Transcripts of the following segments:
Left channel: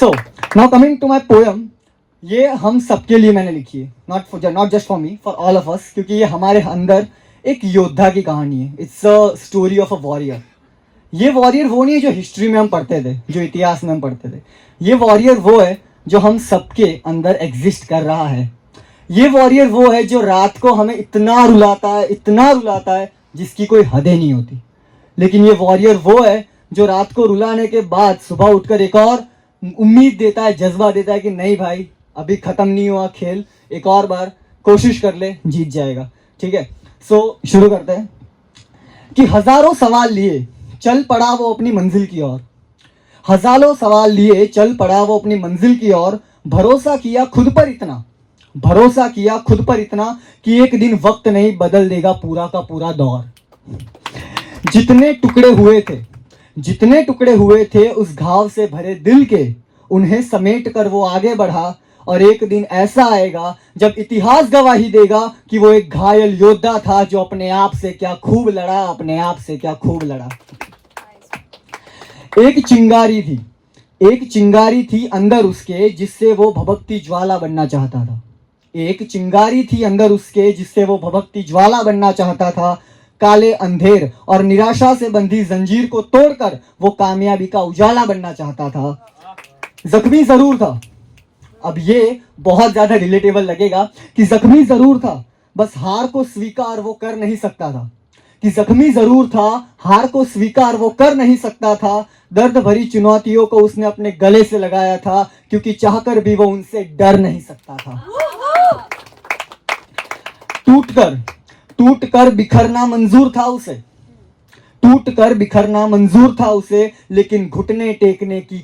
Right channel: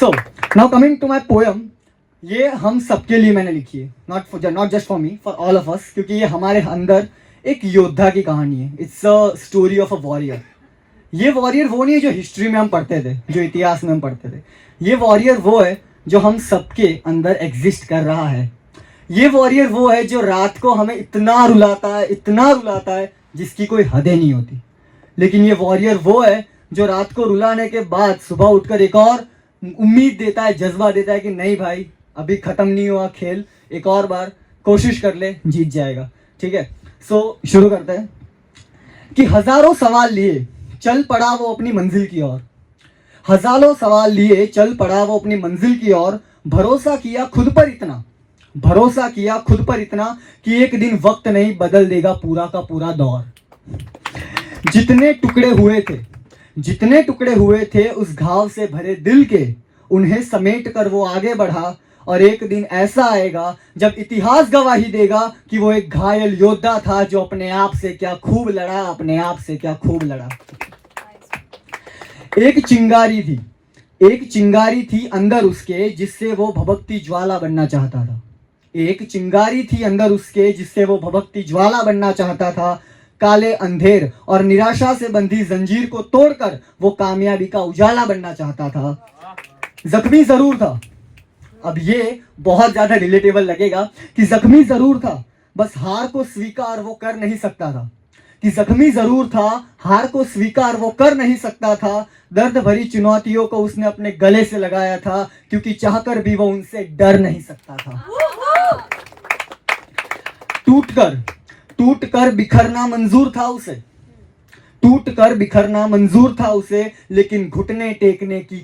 So now coming to my poem, ये हम सबके लिए मैंने लिखी है, not just for me, for all of us, क्योंकि ये हमारे अंदर एक योद्धा की कहानी है. It's a story of a warrior. ये वॉरियर वो नहीं है जो हिस्ट्री में हम पढ़ते थे, जो इतिहास में हम पढ़ते थे. ये वॉरियर वो है जो हम सबके अंदर एग्जिस्ट कर रहा है. ये वॉरियर वो है जो रात को हमें इतना रुलाता है जिसकी कोई हदें नहीं होती. लेकिन ये वॉरियर वो है जो रात को रुलाने के बाद सुबह उठकर एक और उम्मीद देता है, जज्बा देता है कि नहीं भाई, अभी खत्म नहीं हुआ खेल, एक और बार कोशिश कर ले, जीत जाएगा. ठीक है, सो शुरू करते हैं. कि हजारों सवाल लिए चल पड़ा वो अपनी मंजिल की ओर. हजारों सवाल लिए चल पड़ा वो अपनी मंजिल की ओर. भरोसा किया खुद पर इतना कि एक दिन वक्त नहीं बदल देगा पूरा का पूरा दौर. जितने टुकड़े हुए थे उस घाव से भरे दिल के, उन्हें समेट कर वो आगे बढ़ा. और एक दिन ऐसा आएगा जब इतिहास गवाही देगा कि वो एक घायल योद्धा था जो अपने आप से क्या खूब लड़ा. एक चिंगारी थी अंदर उसके जिससे वो भभकती ज्वाला बनना चाहता था. काले अंधेर और निराशा से बंधी जंजीर को तोड़कर वो कामयाबी का उजाला बनना चाहता था. जख्मी जरूर था. अब ये बहुत ज्यादा रिलेटेबल लगेगा कि जख्मी जरूर था, बस हार को स्वीकार वो कर नहीं सकता था. दर्द भरी चुनौतियों को उसने अपने गले से लगाया था, क्योंकि चाहकर भी वो उनसे डर नहीं सकता था. टूटकर बिखरना मंजूर था उसे, लेकिन घुटने टेकने की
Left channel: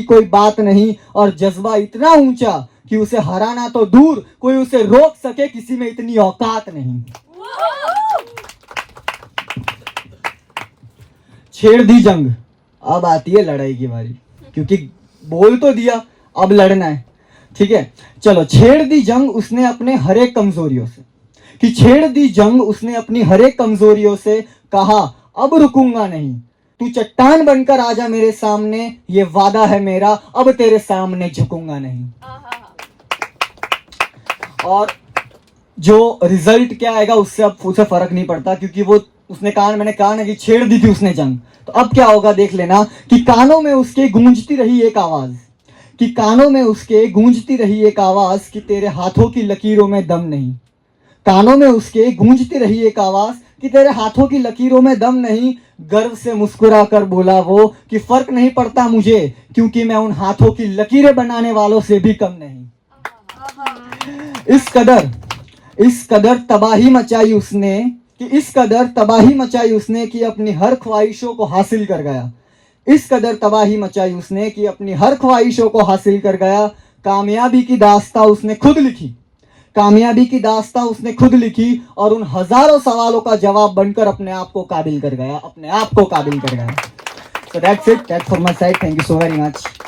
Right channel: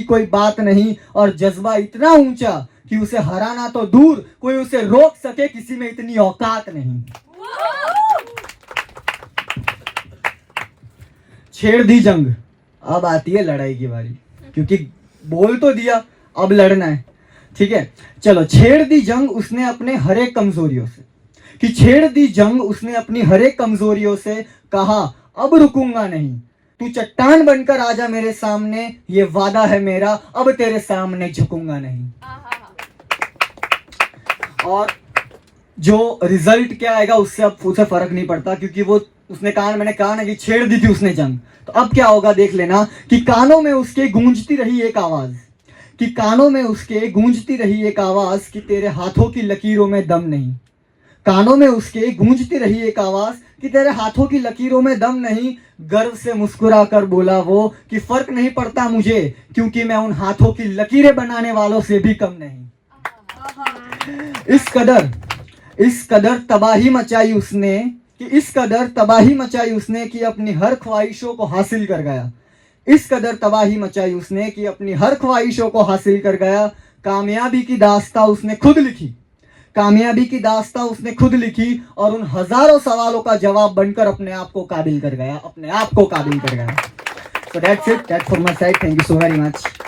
कोई बात नहीं. और जज्बा इतना ऊंचा कि उसे हराना तो दूर, कोई उसे रोक सके किसी में इतनी औकात नहीं. छेड़ दी जंग, अब आती है लड़ाई की बारी, क्योंकि बोल तो दिया, अब लड़ना है. ठीक है, चलो. छेड़ दी जंग उसने अपनी हर एक कमजोरियों से कहा अब रुकूंगा नहीं. तू चट्टान बनकर आजा मेरे सामने, ये वादा है मेरा, अब तेरे सामने झुकूंगा नहीं. और जो रिजल्ट क्या आएगा उससे अब उसे फर्क नहीं पड़ता, क्योंकि वो उसने कहा, मैंने कहा ना कि छेड़ दी थी उसने जंग. तो अब क्या होगा देख लेना. कि कानों में उसके गूंजती रही एक आवाज कि तेरे हाथों की लकीरों में दम नहीं. गर्व से मुस्कुरा कर बोला वो कि फर्क नहीं पड़ता मुझे, क्योंकि मैं उन हाथों की लकीरें बनाने वालों से भी कम नहीं. इस कदर तबाही मचाई उसने कि अपनी हर ख्वाहिशों को हासिल कर गया. कामयाबी की दास्तां उसने खुद लिखी और उन हजारों सवालों का जवाब बनकर अपने आप को काबिल कर गया. So that's it. That's for my side. Thank you so very much.